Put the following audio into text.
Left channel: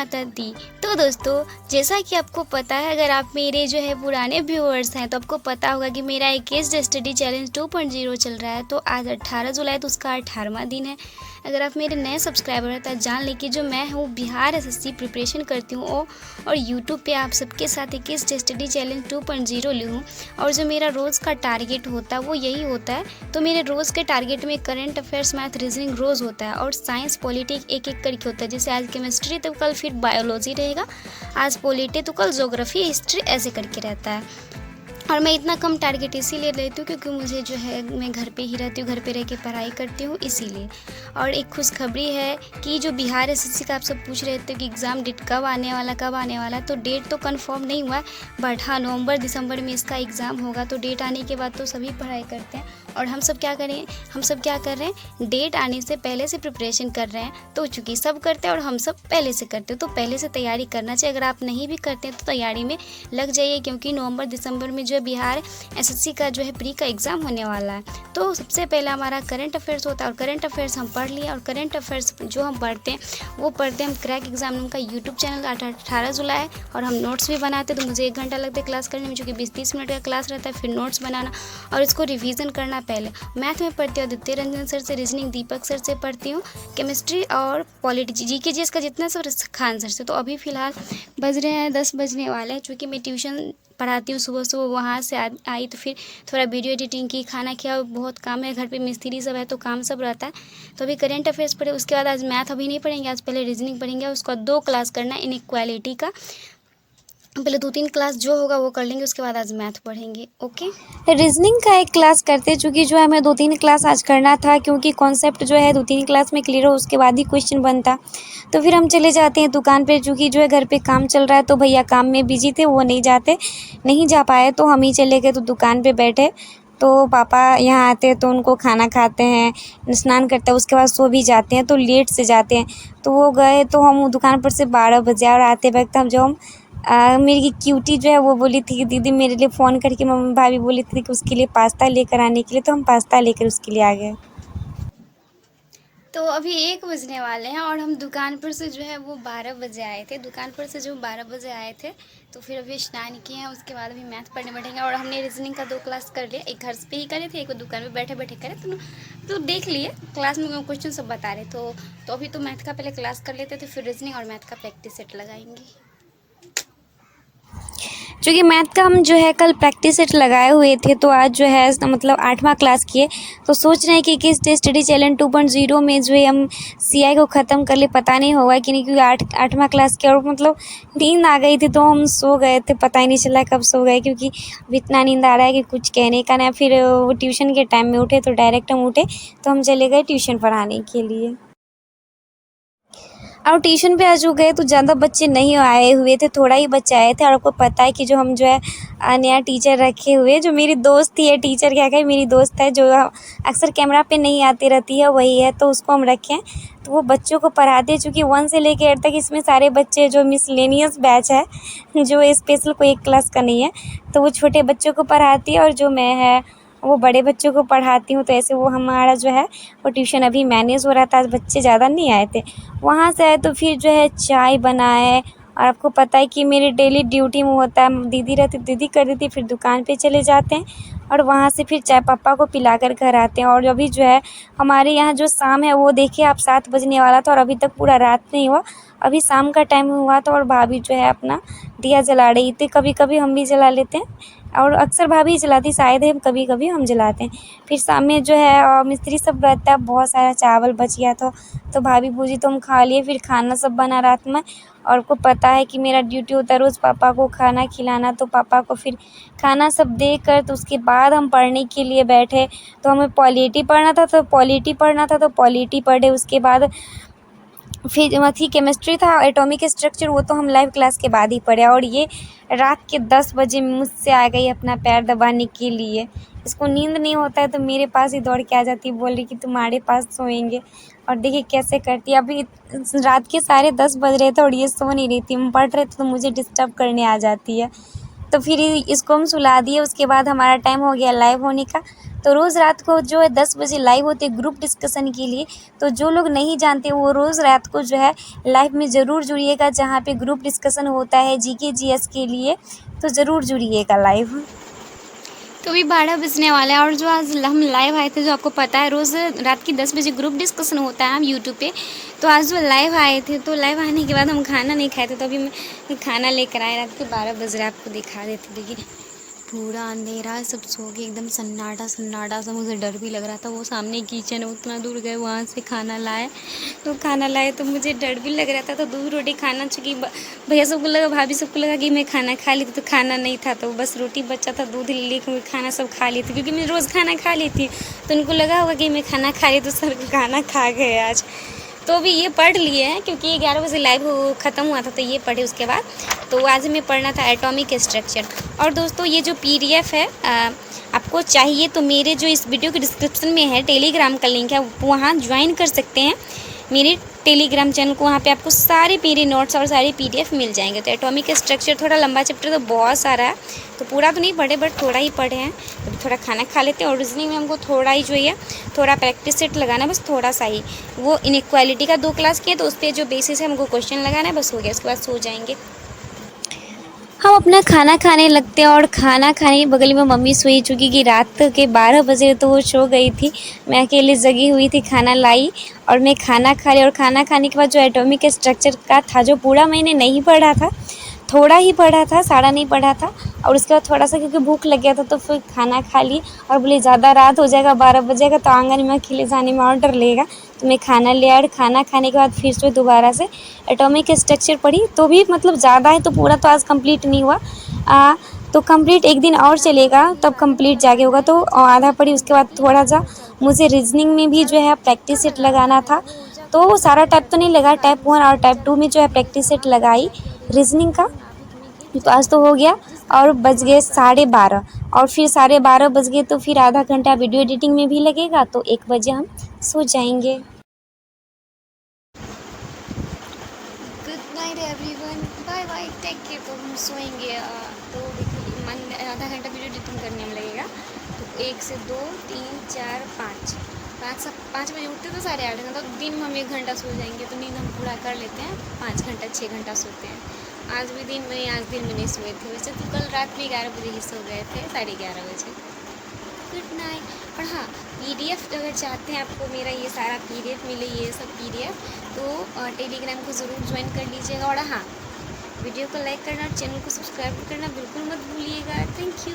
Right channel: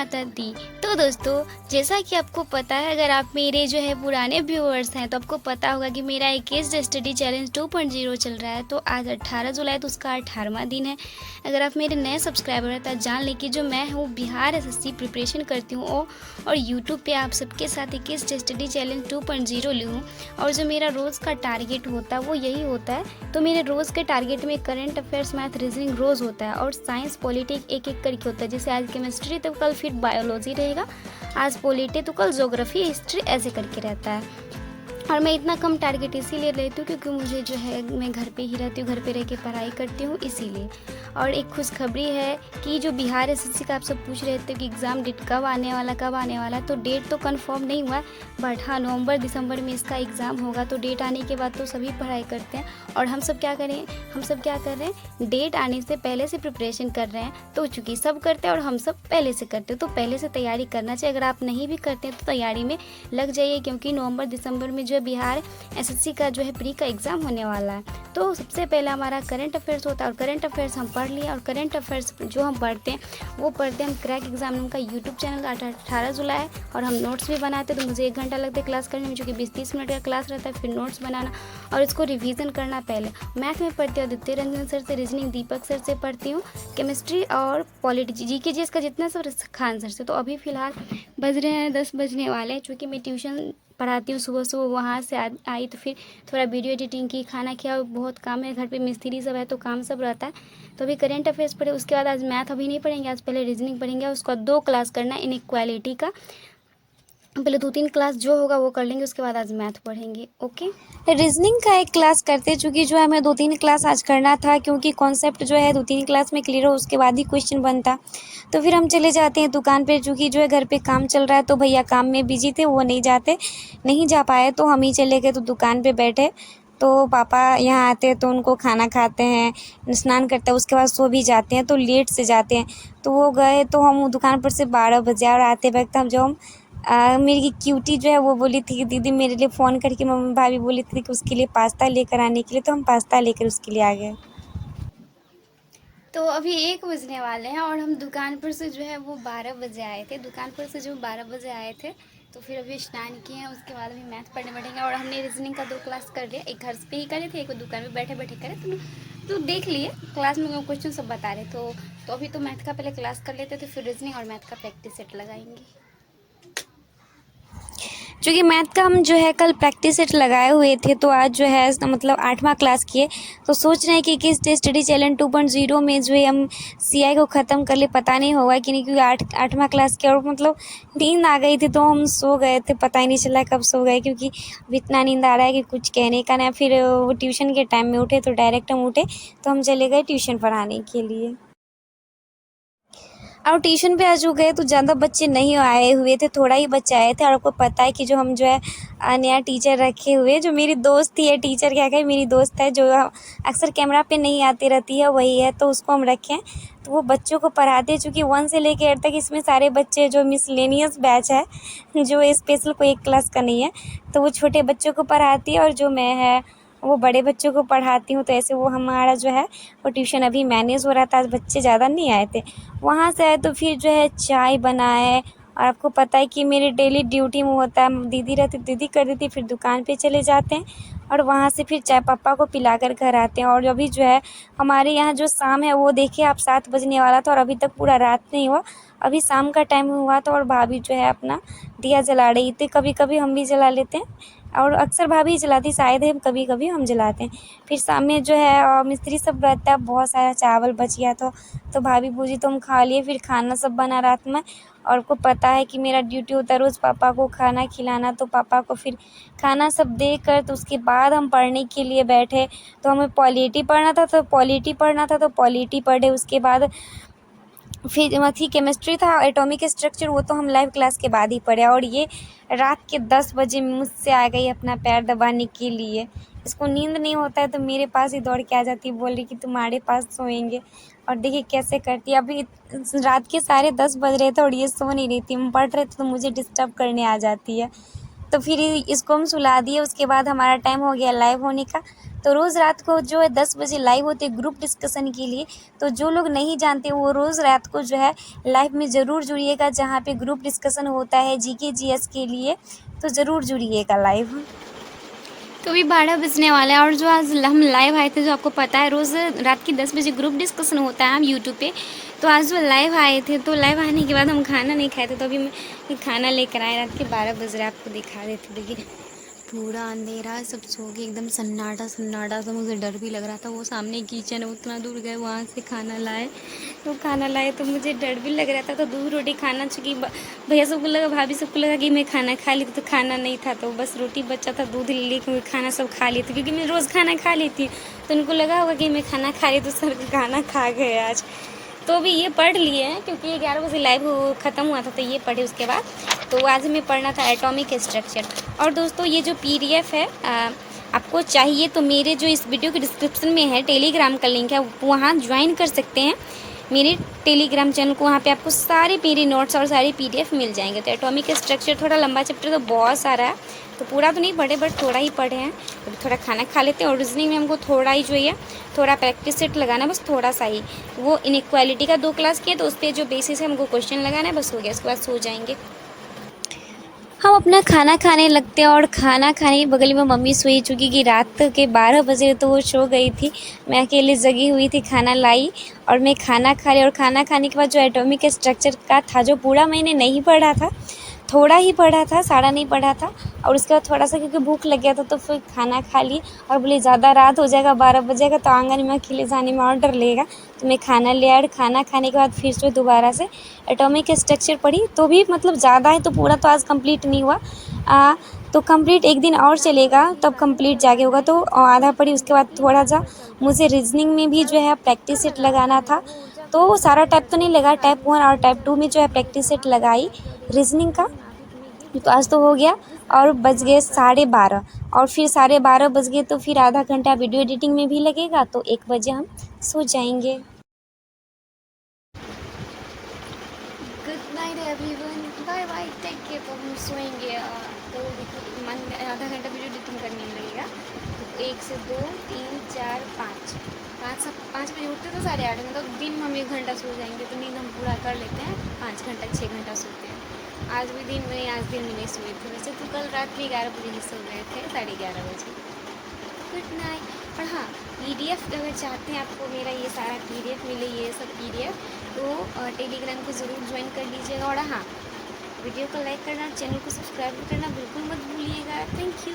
माता दी। तो दोस्तों, जैसा कि आपको पता है, अगर आप मेरे जो है पुराने व्यूअर्स हैं तो आपको पता होगा कि मेरा एक केस स्टडी चैलेंज 2.0 चल रहा है। तो आज 18 जुलाई तो उसका 18वां दिन है। अगर आप मेरे नए सब्सक्राइबर हैं तो जान लें कि जो मैं हूँ बिहार एसएससी प्रिपरेशन करती हूँ और यूट्यूब पे आप सबके साथ एक केस स्टडी चैलेंज 2.0 ली हूँ। और जो मेरा रोज़ का टारगेट होता है वो यही होता है। तो मेरे रोज़ के टारगेट में करंट अफेयर्स, मैथ, रीजनिंग रोज़ होता है और साइंस पॉलिटिक एक एक करके होता है। जैसे आज केमिस्ट्री तो कल फिर बायोलॉजी रहेगा, आज पॉलिटी तो कल ज्योग्राफी, हिस्ट्री, ऐसे करके रहता है। और मैं इतना कम टारगेट इसीलिए लेती हूँ क्योंकि मुझे जो है, मैं घर पे ही रहती हूँ, घर पे रह के पढ़ाई करती हूँ इसीलिए। और एक खुशखबरी है कि जो बिहार एसएससी का आप सब पूछ रहे थे कि एग्ज़ाम डेट कब आने वाला, तो डेट तो कंफर्म नहीं हुआ है, बट हाँ नवंबर दिसंबर में इसका एग्ज़ाम होगा। तो डेट आने के बाद तो सभी पढ़ाई करते हैं और हम सब क्या कर रहे हैं, डेट आने से पहले से प्रिपरेशन कर रहे हैं। तो चूँकि सब करते हैं और हम सब पहले से करते हैं, तो पहले से तैयारी करना चाहिए। अगर आप नहीं भी करते हैं तो तैयारी में लग जाइए, क्योंकि नवंबर दिसंबर में जो है बिहार एसएससी का जो है प्री का एग्ज़ाम होने वाला है। तो सबसे पहले हमारा करंट अफेयर्स होता है और करंट अफेयर्स हम पढ़ लिए। और करंट अफेयर्स जो हम पढ़ते हैं वो पढ़ते हैं हम क्रैक एग्जाम का यूट्यूब चैनल 18 जुलाई और हम नोट्स भी बनाते हैं। तो मुझे 1 घंटा लगता है क्लास करने में, चूँकि 20-30 मिनट का क्लास रहता है, फिर नोट्स बनाना और इसको रिवीजन करना। पहले मैथ में पढ़ती हूँ आदित्य रंजन सर से, रीजनिंग दीपक सर से पढ़ती हूँ, केमिस्ट्री और पॉलिटी जीके जीएस का जितना सब खान सर से। तो अभी फ़िलहाल बज रहे हैं 10 बजने वाले हैं। चूँकि मैं ट्यूशन पढ़ाती हूँ सुबह वहाँ से आई तो फिर थोड़ा वीडियो एडिटिंग की, खाना किया, बहुत काम है घर पे, मिस्त्री सब है तो काम सब रहता है। तो अभी करंट अफेयर्स पढ़े, उसके बाद आज मैथ अभी नहीं पढ़ेंगे, आज पहले रीजनिंग पढ़ेंगे। उसका 2 क्लास करना है इनइक्वालिटी का, पहले 2-3 क्लास जो होगा वो कर लेंगे, उसके बाद आज मैथ पढ़ेंगे। ओके, रीजनिंग का एक क्लास करते, चूँकि जो है हमें 2-3 क्लास आज करना था, क्योंकि कॉन्सेप्ट जो है 2-3 क्लास में क्लियर हो उसके बाद ही क्वेश्चन बनता। तो फिर हम चले जाते हैं दुकान पे, चूँकि जो है घर पे काम चल रहा है तो भैया काम में बिजी थे, वो नहीं जा पाए, तो हम ही चले गए। तो दुकान पे बैठे तो पापा यहाँ आते हैं तो उनको खाना खाते हैं, स्नान करते हैं, उसके बाद सो भी जाते हैं, तो लेट से जाते हैं। तो वो गए तो हम दुकान पर से 12 बजे, और आते वक्त हम मेरी क्यूटी जो है वो बोली थी कि दीदी मेरे लिए फ़ोन करके, मम्मी भाभी बोली थी कि उसके लिए पास्ता लेकर आने के लिए, तो हम पास्ता लेकर उसके लिए आ गए। तो अभी 1 बजने वाले हैं और हम दुकान पर से जो है वो 12 बजे आए थे। दुकान पर से जो 12 बजे आए थे तो फिर अभी स्नान किए हैं, उसके बाद अभी मैथ पढ़ने बैठेंगे। और हमने रीजनिंग का 2 क्लास कर लिया, एक घर पे ही करे थे, एक दुकान पे बैठे बैठे करे। तो देख लिए क्लास में क्वेश्चन सब बता रहे। तो अभी तो मैथ का पहले क्लास कर लेते थे, फिर रीजनिंग और मैथ का प्रैक्टिस सेट लगाएंगे। चूँकि मैथ का हम जो है कल प्रैक्टिस सेट लगाए हुए थे, तो आज जो है मतलब 8वां क्लास किए। तो सोच रहे हैं कि किस स्टडी चैलेंज 2.0 में जो है हम सीआई को ख़त्म कर ले। पता नहीं होगा कि नहीं, क्योंकि 8वां क्लास किया और मतलब नींद आ गई थी तो हम सो गए थे, पता ही नहीं चला कब सो गए, क्योंकि अब इतना नींद आ रहा है कि कुछ कहने का नहीं। फिर वो ट्यूशन के टाइम में उठे तो डायरेक्ट हम उठे तो हम चले गए ट्यूशन पढ़ाने के लिए। और ट्यूशन पे आज जो गए तो ज़्यादा बच्चे नहीं आए हुए थे, थोड़ा ही बच्चे आए थे। और आपको पता है कि जो हम जो है नया टीचर रखे हुए, जो मेरी दोस्त ही है, टीचर क्या कहे, मेरी दोस्त है, जो अक्सर कैमरा पे नहीं आती रहती है, वही है, तो उसको हम रखे हैं। तो वो बच्चों को पढ़ाते हैं, चूँकि 1 से लेकर 8 तक इसमें सारे बच्चे, जो मिसलेनियस बैच है, जो स्पेशल कोई एक क्लास का नहीं है, तो वो छोटे बच्चों को पढ़ाती है और जो मैं है वो बड़े बच्चों को पढ़ाती हूँ। तो ऐसे वो हमारा जो है वो ट्यूशन अभी मैनेज हो रहा था, आज बच्चे ज़्यादा नहीं आए थे। वहाँ से आए तो फिर जो है चाय बनाए, और आपको पता है कि मेरी डेली ड्यूटी में होता है, दीदी रहती दीदी कर देती, फिर दुकान पे चले जाते हैं और वहाँ से फिर चाय पापा को पिलाकर घर आते हैं। और अभी जो है हमारे यहाँ जो शाम है वो देखिए आप 7 बजने वाला था और अभी तक पूरा रात नहीं हुआ, अभी शाम का टाइम हुआ था। और भाभी जो है अपना दिया जला रही थी, कभी कभी हम भी जला लेते हैं और अक्सर भाभी जलाती, शायद हम कभी कभी हम जलाते हैं। फिर शाम में जो है मिस्त्री सब रहता है, बहुत सारा चावल बच गया था तो भाभी पूछी तो हम खा लिए। फिर खाना सब बना रात में, और आपको पता है कि मेरा ड्यूटी होता है रोज़ पापा को खाना खिलाना, तो पापा को फिर खाना सब देकर तो उसके बाद हम पढ़ने के लिए बैठे। तो हमें पॉलिटी पढ़ना था तो पॉलिटी पढ़े। उसके बाद फिर थी केमिस्ट्री था, एटॉमिक स्ट्रक्चर, वो तो हम लाइव क्लास के बाद ही पढ़े। और ये रात के 10 बजे मुझसे आ गई अपना पैर दबाने के लिए। इसको नींद नहीं होता है तो मेरे पास ही दौड़ के आ जाती है, बोल रही कि तुम्हारे पास सोएंगे। और देखिए कैसे करती है। अभी रात के 10:30 बज रहे थे और ये सो नहीं रही थी, हम पढ़ रहे थे तो मुझे डिस्टर्ब करने आ जाती है। तो फिर इसको हम सुला दिए। उसके बाद हमारा टाइम हो गया लाइव होने का। तो रोज़ रात को जो है 10 बजे लाइव होते हैं ग्रुप डिस्कशन के लिए। तो जो लोग नहीं जानते वो रोज़ रात को जो है लाइव में ज़रूर जुड़िएगा, जहाँ पे ग्रुप डिस्कशन होता है जीके जीएस के लिए। तो ज़रूर जुड़िएगा लाइव। तो अभी 12 बजने वाला है और जो आज हम लाइव आए थे, जो आपको पता है रोज़ रात की 10 बजे ग्रुप डिस्कशन होता है यूट्यूब पे। तो आज जो लाइव आए थे, तो लाइव आने के बाद हम खाना नहीं खाए थे, तो अभी मैं खाना लेकर आए। रात के 12 बज रहे, आपको दिखा देते। देखिए पूरा अंधेरा, सब सो गए, एकदम सन्नाटा सन्नाटा सा। मुझे डर भी लग रहा था। वो सामने किचन है, उतना दूर गए, वहाँ से खाना लाए। तो खाना लाए तो मुझे डर भी लग रहा था। तो दूध रोटी खाना, चूँकि भैया सबको लगा, भाभी सबको लगा कि मैं खाना खा ली थी, तो खाना नहीं था, तो बस रोटी बचा था, दूध लेके खाना सब खा ली थी, क्योंकि मैं रोज़ खाना खा लेती हूँ। तो उनको लगा होगा कि मैं खाना खा ली, तो सर खाना खा गए आज। तो अभी ये पढ़ लिए हैं, क्योंकि 11 बजे लाइव ख़त्म हुआ था, तो ये पढ़े उसके बाद। तो आज हमें पढ़ना था एटॉमिक स्ट्रक्चर। और दोस्तों ये जो पीडीएफ है, आपको चाहिए तो मेरे जो इस वीडियो के डिस्क्रिप्शन में है टेलीग्राम का लिंक है, वहाँ ज्वाइन कर सकते हैं मेरे टेलीग्राम चैनल को। वहाँ पे आपको सारे मेरे नोट्स और सारी पीडीएफ मिल जाएंगे। तो एटॉमिक स्ट्रक्चर थोड़ा लंबा चैप्टर, तो बहुत सारा है, तो पूरा तो नहीं पढ़े, बट थोड़ा ही पढ़े हैं। अभी थोड़ा खाना खा लेते हैं। और रीजनिंग में हमको थोड़ा ही जो है थोड़ा प्रैक्टिस सेट लगाना, बस थोड़ा सा ही। वो इनइक्वालिटी का 2 क्लास किया, तो उस पर जो बेसिस है हमको क्वेश्चन लगाना है, बस हो गया। उसके बाद सो जाएंगे। हम अपना खाना खाने लगते हैं और खाना खाने के बगल में मम्मी सोई चुकी कि रात के 12 बजे तो वो सो गई थी। मैं अकेले जगी हुई थी, खाना लाई और मैं खाना खा ली। और खाना खाने के बाद जो एटॉमिक स्ट्रक्चर का था, जो पूरा मैंने नहीं पढ़ा था, थोड़ा ही पढ़ा था, सारा नहीं पढ़ा था। और उसके बाद थोड़ा सा क्योंकि भूख लग गया था, तो फिर खाना खा ली। और बोले ज़्यादा रात हो जाएगा, 12 बजेगा, तो आंगन में अकेले जाने में और डर लगेगा, तो मैं खाना ले आया। खाना खाने के बाद फिर से दोबारा से एटॉमिक स्ट्रक्चर पढ़ी। तो भी मतलब ज़्यादा है, तो पूरा तो आज कंप्लीट नहीं हुआ। तो कंप्लीट एक दिन और चलेगा, तब कंप्लीट जाके होगा। तो आधा पढ़ी। उसके बाद थोड़ा सा मुझे रीजनिंग में भी जो है प्रैक्टिस सेट लगाना था, तो सारा टाइप तो नहीं लगा, टाइप 1 और टाइप 2 में जो है प्रैक्टिस सेट लगाई रीजनिंग का। तो आज तो हो गया। और बज गए 12:30, और फिर 12:30 बज गए, तो फिर आधा घंटा वीडियो एडिटिंग में भी लगेगा, तो 1 बजे हम सो जाएंगे। Good night everyone, bye bye, take care. तो हम सोएंगे। तो देखिए आधा घंटा वीडियो एडिटिंग करने में लगेगा। तो 1 से 2 3 4 5 5 बजे उठते तो 8:30 घंटा, तो दिन में हम 1 घंटा सो जाएंगे। तो नींद हम पूरा कर लेते हैं, 5 घंटा 6 घंटा सोते हैं। आज दिन में नहीं सोए थे। वैसे तो कल रात भी 11 बजे ही सो गए थे, 11:30 बजे। Good night. और हाँ, पीडीएफ अगर चाहते हैं आपको मेरा ये सारा पीडीएफ मिले, ये सब पीडीएफ, तो टेलीग्राम को ज़रूर ज्वाइन कर लीजिएगा। और हाँ, वीडियो को लाइक करना और चैनल को सब्सक्राइब करना बिल्कुल मत भूलिएगा। Thank you.